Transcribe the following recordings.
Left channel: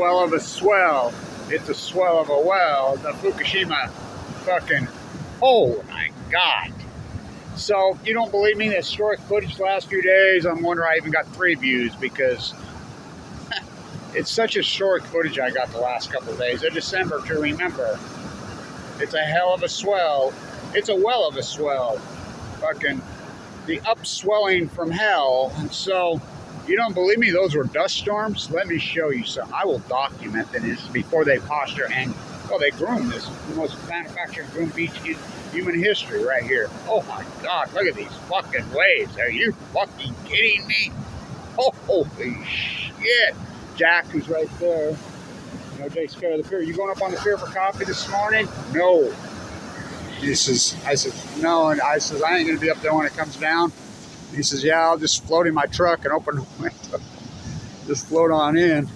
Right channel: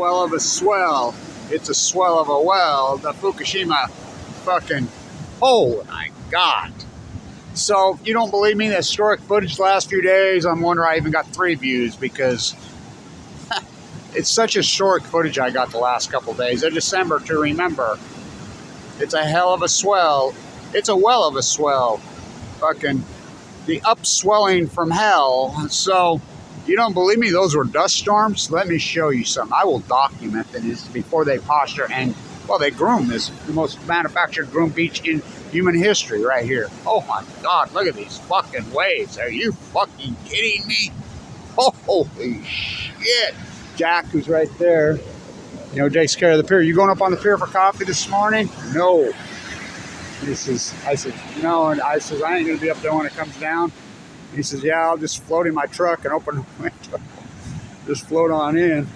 well of a swell. It's a swell of a well. The Fukushima fucking, oh my God. So, you don't believe me? The historic footage the last few days, I'm wondering I even got 3 views because it's such historic footage I got the last couple days. A December to remember. It's a hell of a swell. It's a well of a swell. Fucking the upswelling from hell. So, you don't believe me? Those were dust storms? Let me show you something. I will document this before they posture and, well, they groom this, the most manufactured groom beach in human history right here. Oh my God, look at these fucking waves. Are you fucking kidding me? Holy shit. Jack, who's right there, you know, takes care of the pier. You going up on the pier for coffee this morning? No. He says, I said, no. And I says, I ain't going to be up there when it comes down. He says, yeah, I'll just float in my truck and open the window. Just float on in.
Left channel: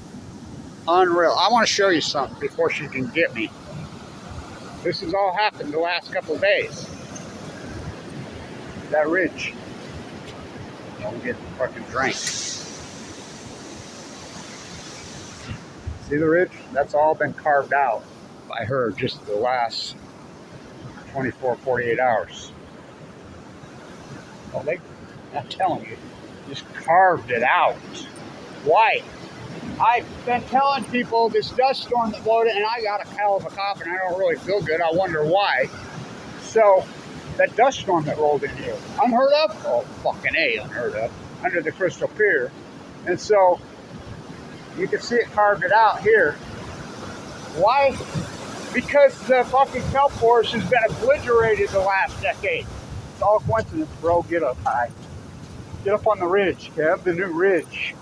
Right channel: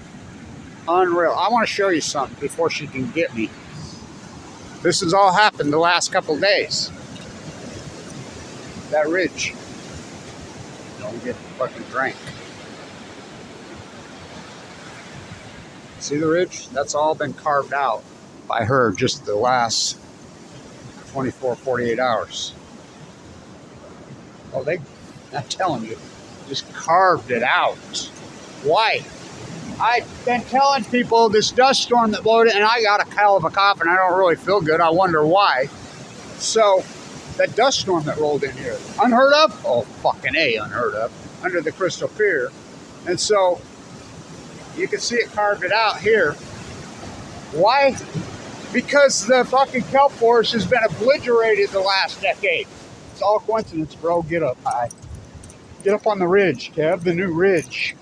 Unreal. I want to show you something before she can get me. This has all happened the last couple of days. That ridge. Don't get fucking drank. See the ridge? That's all been carved out by her just the last 24, 48 hours. Oh, I'm telling you, just carved it out. Why? I've been telling people this dust storm that blowed it, and I got a hell of a cough, and I don't really feel good. I wonder why. So, that dust storm that rolled in here, unheard of? Oh, fucking A, unheard of. Under the Crystal Pier. And so, you can see it carved it out here. Why? Because the fucking kelp forest has been obliterated the last decade. It's all coincidence, bro. Get up high. Get up on the ridge, Kev, the new ridge.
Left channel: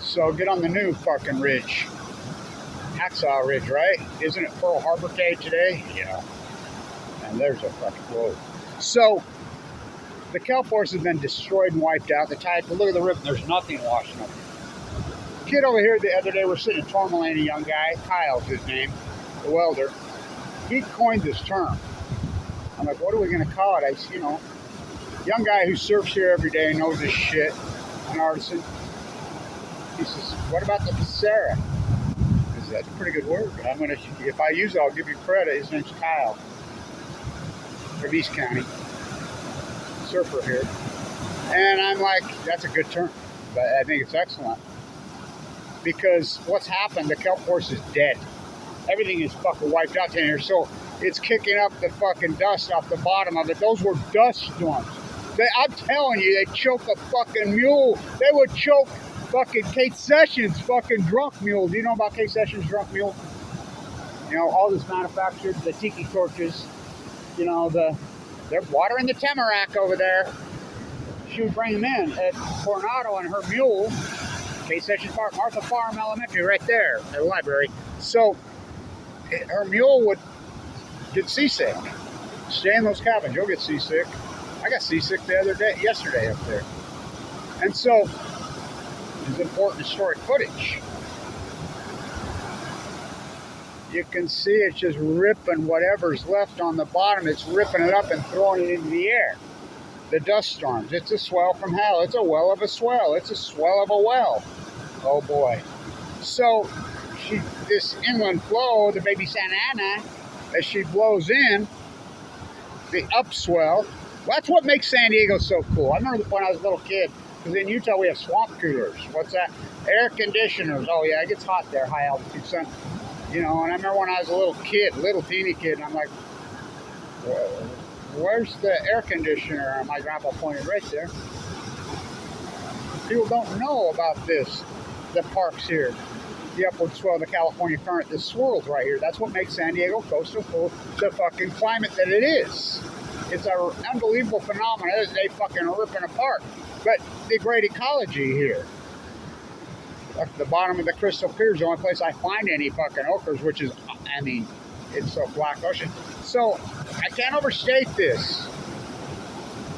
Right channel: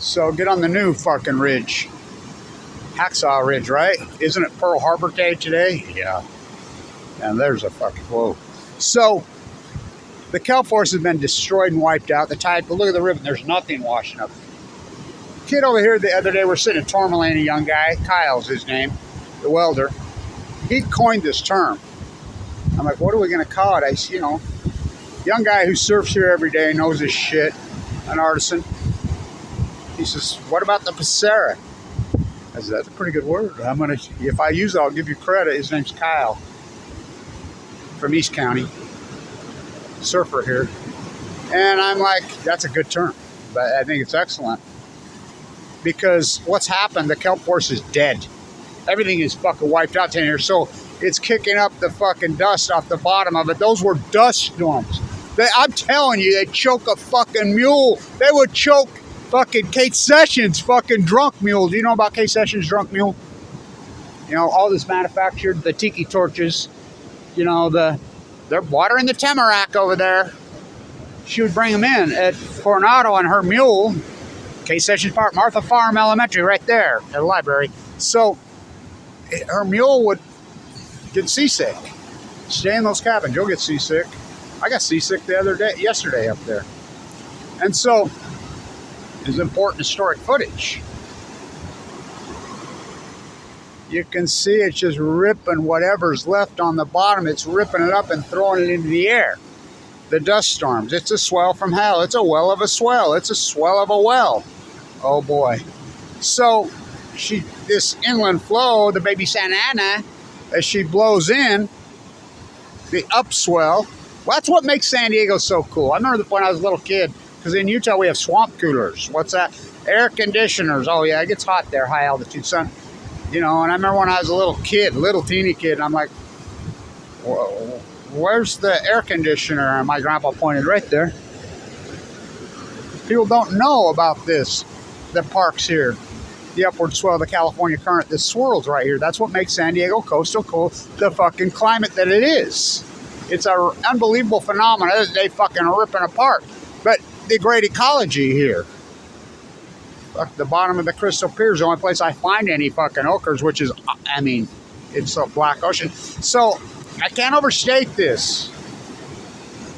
So get on the new fucking ridge. Hacksaw Ridge, right? Isn't it Pearl Harbor Day today? Yeah. And there's a fucking, whoa. So, the kelp forest has been destroyed and wiped out. The tide, but look at the river, there's nothing washing up. Kid over here the other day, we're sitting in Tourmaline, a young guy, Kyle's his name, the welder. He coined this term. I'm like, what are we gonna call it? I said, you know, young guy who surfs here every day, knows his shit, an artisan. He says, what about the Serria? I said, that's a pretty good word. If I use it, I'll give you credit. His name's Kyle from East County, surfer here. And I'm like, that's a good term, but I think it's excellent. Because what's happened, the kelp forest is dead. Everything is fucking wiped out in here, so it's kicking up the fucking dust off the bottom of it. Those were dust storms. I'm telling you, they choke a fucking mule. They would choke fucking Kate Sessions' fucking drunk mule. Do you know about Kate Sessions' drunk mule? You know, all this manufactured, the tiki torches, you know, they're watering the tamarack over there. She would bring them in at Coronado on her mule. Kate Sessions Park, Martha Farm Elementary, right there at the library. So her mule would get seasick. Stay in those cabins, you'll get seasick. I got seasick yesterday up there. And so, it's important historic footage. You can see it's just ripping whatever's left on the bottom. It's ripping it up and throwing it into the air. The dust storms. It's a swell from hell. It's a well of a swell. It's a swell of a well. Oh boy. So this inland flow, the baby Santa Ana, as she blows in, the upswell. Well, that's what makes San Diego so cool. I remember when I was a little kid, because in Utah we have swamp coolers. What's that? Air conditioners. Oh yeah, it gets hot there, high altitude sun. You know, and I remember when I was a little teeny kid, and I'm like, where's the air conditioner? And my grandpa pointed right there. People don't know about this, the parks here, the upward swell of the California current, the swirls right here. That's what makes San Diego coastal cool, the fucking climate that it is. It's an unbelievable phenomenon that they fucking are ripping apart. But the great ecology here. Look, the bottom of the Crystal Pier is the only place I find any fucking ochres, which is, I mean, it's a black ocean. So, I can't overstate this.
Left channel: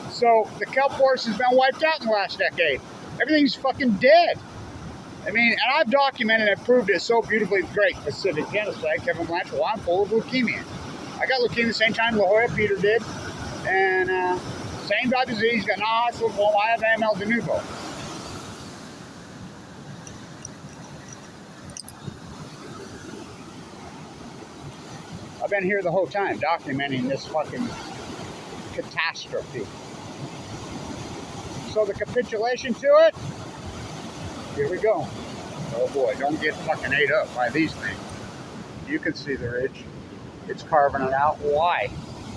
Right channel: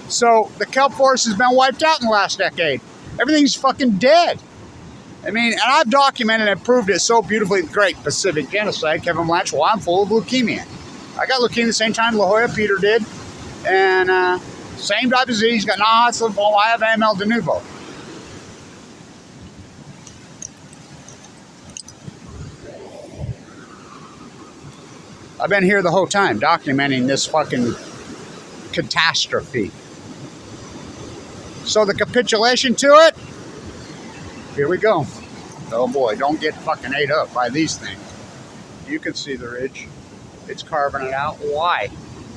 So, the kelp forest has been wiped out in the last decade. Everything's fucking dead. I mean, and I've documented and proved it so beautifully. Great Pacific genocide, Kevin Blanch. Well, I'm full of leukemia. I got leukemia the same time La Jolla Peter did. And same type of disease. Got non-Hodgkin's lymphoma. I have AML de novo. I've been here the whole time documenting this fucking catastrophe. So the capitulation to it, here we go. Oh boy, don't get fucking ate up by these things. You can see the ridge. It's carving it out. Why?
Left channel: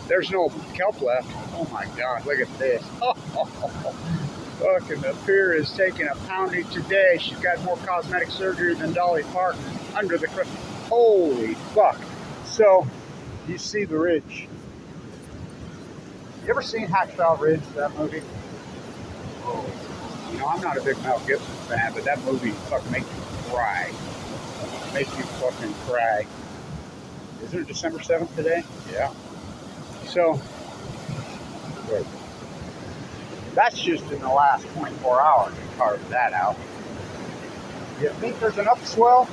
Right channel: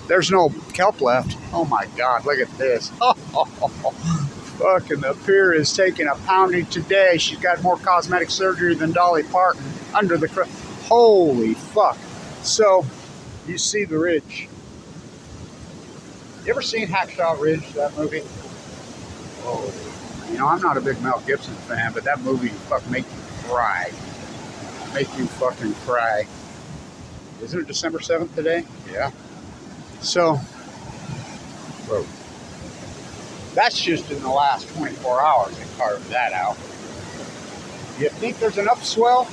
There's no kelp left. Oh my God, look at this. Fucking the pier is taking a pounding today. She's got more cosmetic surgery than Dolly Parton under the... Holy fuck. So, you see the ridge. You ever seen Hacksaw Ridge, that movie? Whoa. You know, I'm not a big Mel Gibson fan, but that movie fucking make you cry. Make you fucking cry. Isn't it December 7th today? Yeah. So, whoa. That's just in the last 24 hours they carved that out. You think there's an upswell?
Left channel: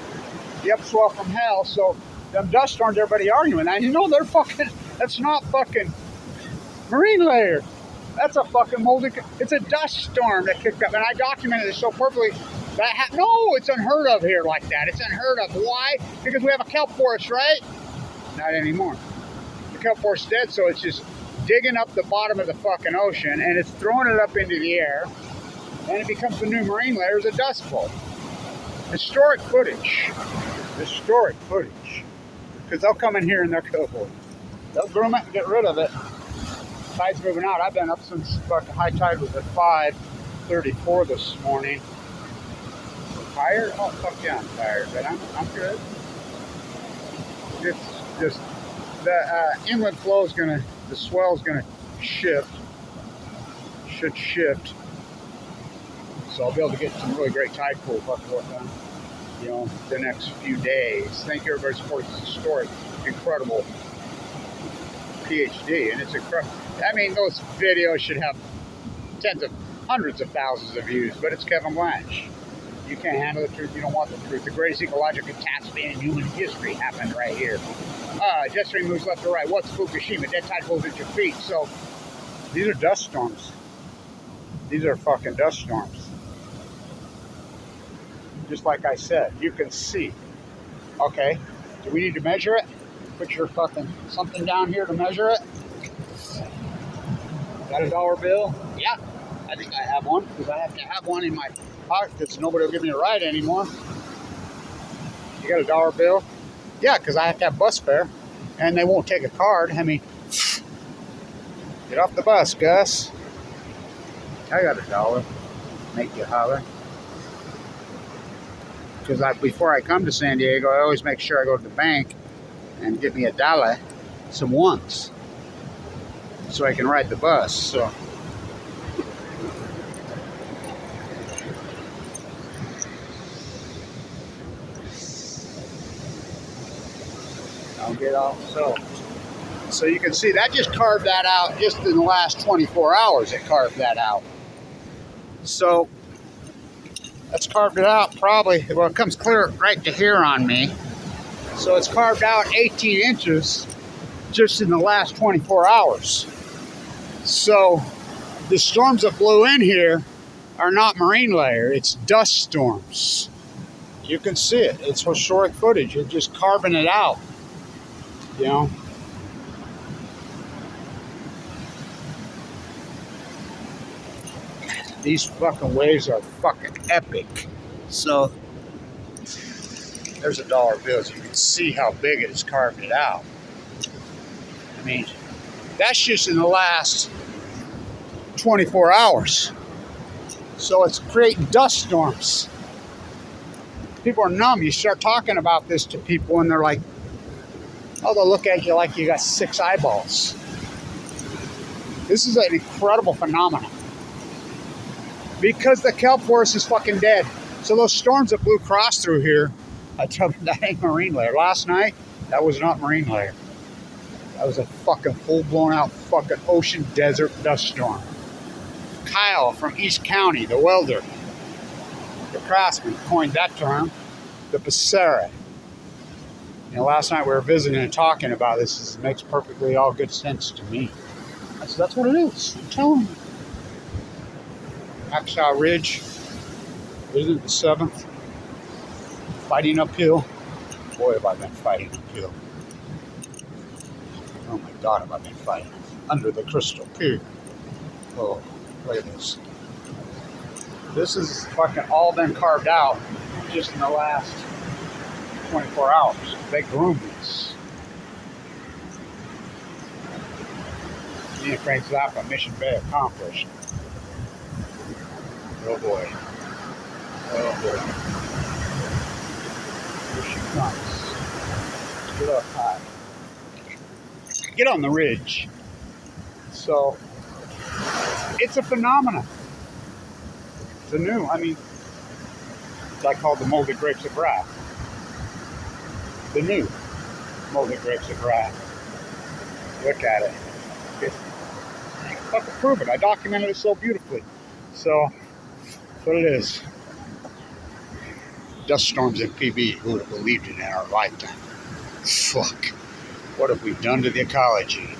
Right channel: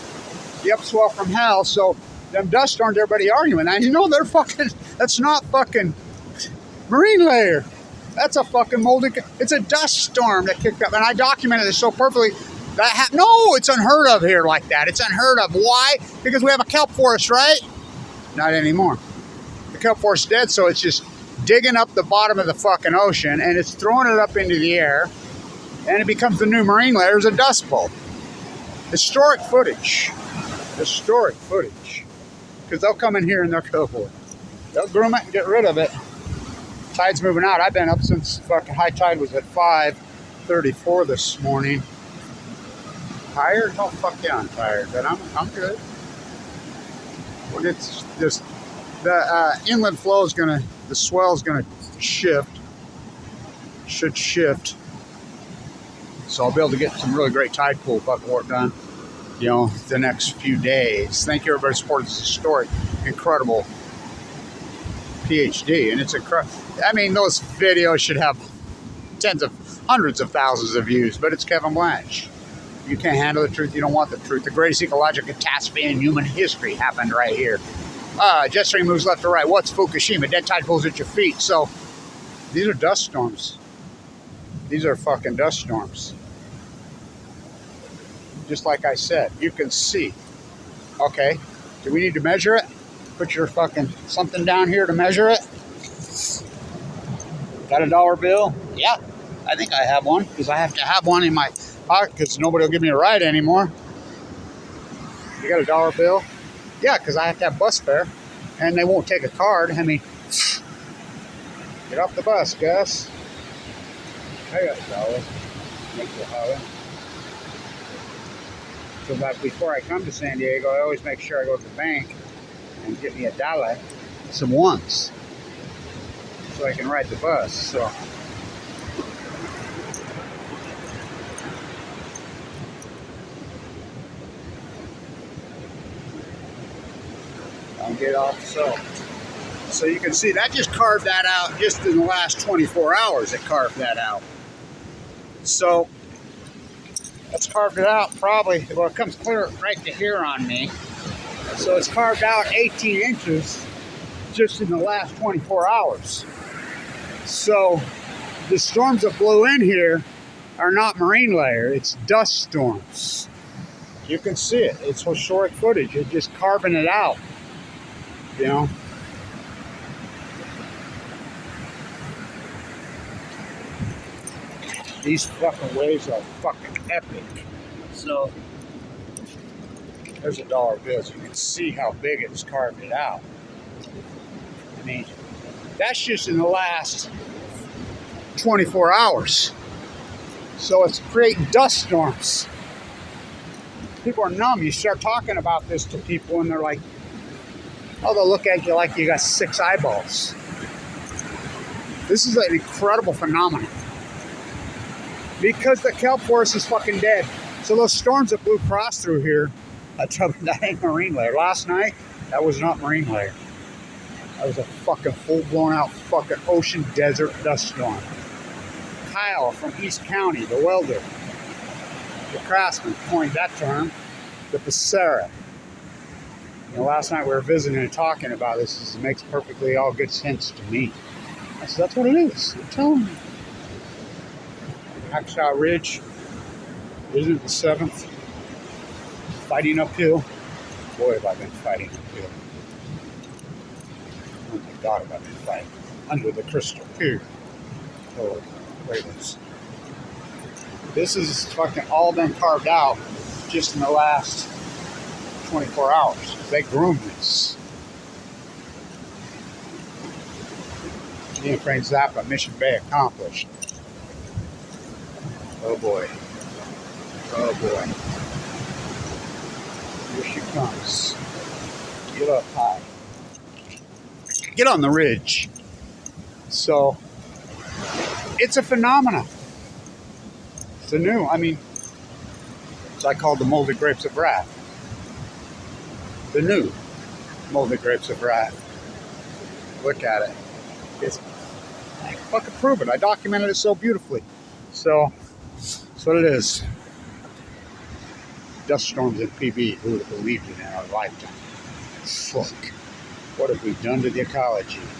The upswell from hell, so them dust storms, everybody arguing that. You know, they're fucking, that's not fucking marine layer. That's a fucking moldy, it's a dust storm that kicked up. And I documented it so perfectly. No, it's unheard of here like that. It's unheard of. Why? Because we have a kelp forest, right? Not anymore. The kelp forest is dead, so it's just digging up the bottom of the fucking ocean, and it's throwing it up into the air, and it becomes the new marine layer as a dust bowl. Historic footage. Historic footage. Because they'll come in here and they'll groom it and get rid of it. Tide's moving out. I've been up since fucking high tide was at 5:34 this morning. Tired? Oh, fuck yeah, I'm tired, but I'm good. When it's just, the inland flow is gonna, the swell is gonna shift. Should shift. So I'll be able to get some really great tide pool fucking work done, you know, the next few days. Thank you everybody for supporting this historic, incredible PhD. And it's incredible. I mean, those videos should have hundreds of thousands of views, but it's Kevin Blanch. You can't handle the truth, you don't want the truth. The greatest ecological catastrophe in human history happened right here. Jet stream moves left to right. What's Fukushima? Dead tide pools at your feet. So, these are dust storms. These are fucking dust storms. Just like I said, you can see. Okay, do we need to measure it? Put your fucking something down here to measure it. Got a dollar bill? Yeah, I think I have one, because I have to have one in my pocket because nobody will give me a ride anymore. You got a dollar bill? Yeah, because I have to have bus fare, and they won't take a card. I mean, get off the bus, Gus. I got a dollar. Make you holler. Because before I come to San Diego, I always make sure I go to the bank and get me a dollar, some ones, so I can ride the bus. So I'll get off. So you can see that just carved that out just in the last 24 hours. It carved that out. So that's carved it out probably, well, it comes clear right to here on me. So it's carved out 18 inches just in the last 24 hours. So the storms that blew in here are not marine layer, it's dust storms. You can see it, it's historic footage. It's just carving it out, you know. These fucking waves are fucking epic. So there's a dollar bill, so you can see how big it has carved it out. I mean, that's just in the last 24 hours. So it's creating dust storms. People are numb. You start talking about this to people and they're like, oh, they'll look at you like you got 6 eyeballs. This is an incredible phenomenon. Because the kelp forest is fucking dead. So those storms that blew across through here, I tell you, that ain't marine layer. Last night, that was not marine layer. That was a fucking full blown out fucking ocean desert dust storm. Kyle from East County, the welder, the craftsman, coined that term, the Serria. You know, last night we were visiting and talking about this. It makes perfectly all good sense to me. I said, that's what it is. I'm telling you. Hacksaw Ridge, isn't it the 7th? Fighting uphill. Boy, have I been fighting uphill. Oh my God, have I been fighting under the crystal pier. Oh, look at this. This is fucking all been carved out just in the last 24 hours. They groomed this. Me and Frank Zappa, Mission Bay accomplished. Oh boy. Oh boy. Here she comes. Get up high. Get on the ridge. So, it's a phenomenon. It's a new, it's I call the molded grapes of wrath. The new molded grapes of wrath. Look at it. It's fucking proven. I documented it so beautifully. So, that's what it is. Dust storms in PB. Who would have believed it in our lifetime? Fuck. What have we done to the ecology?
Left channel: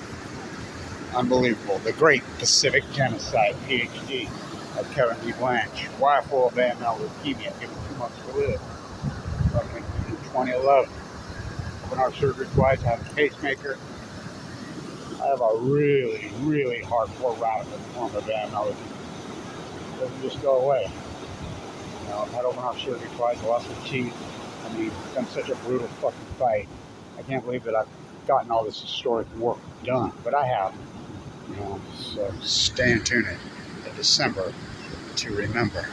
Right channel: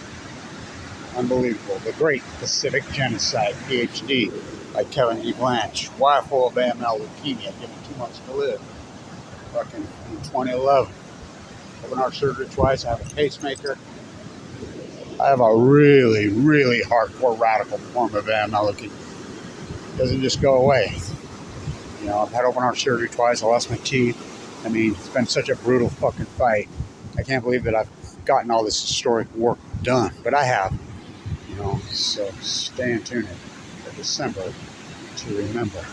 Unbelievable. The Great Pacific Genocide, PhD, by Kevin E. Blanch. Wife full of AML leukemia, given 2 months to live. Fucking in 2011. Open heart surgery twice. I have a pacemaker. I have a really, really hardcore radical form of AML leukemia. Doesn't just go away. You know, I've had open heart surgery twice. I lost my teeth. It's been such a brutal fucking fight. I can't believe that I've gotten all this historic work done, but I have. You know, so stay in tune at December to remember.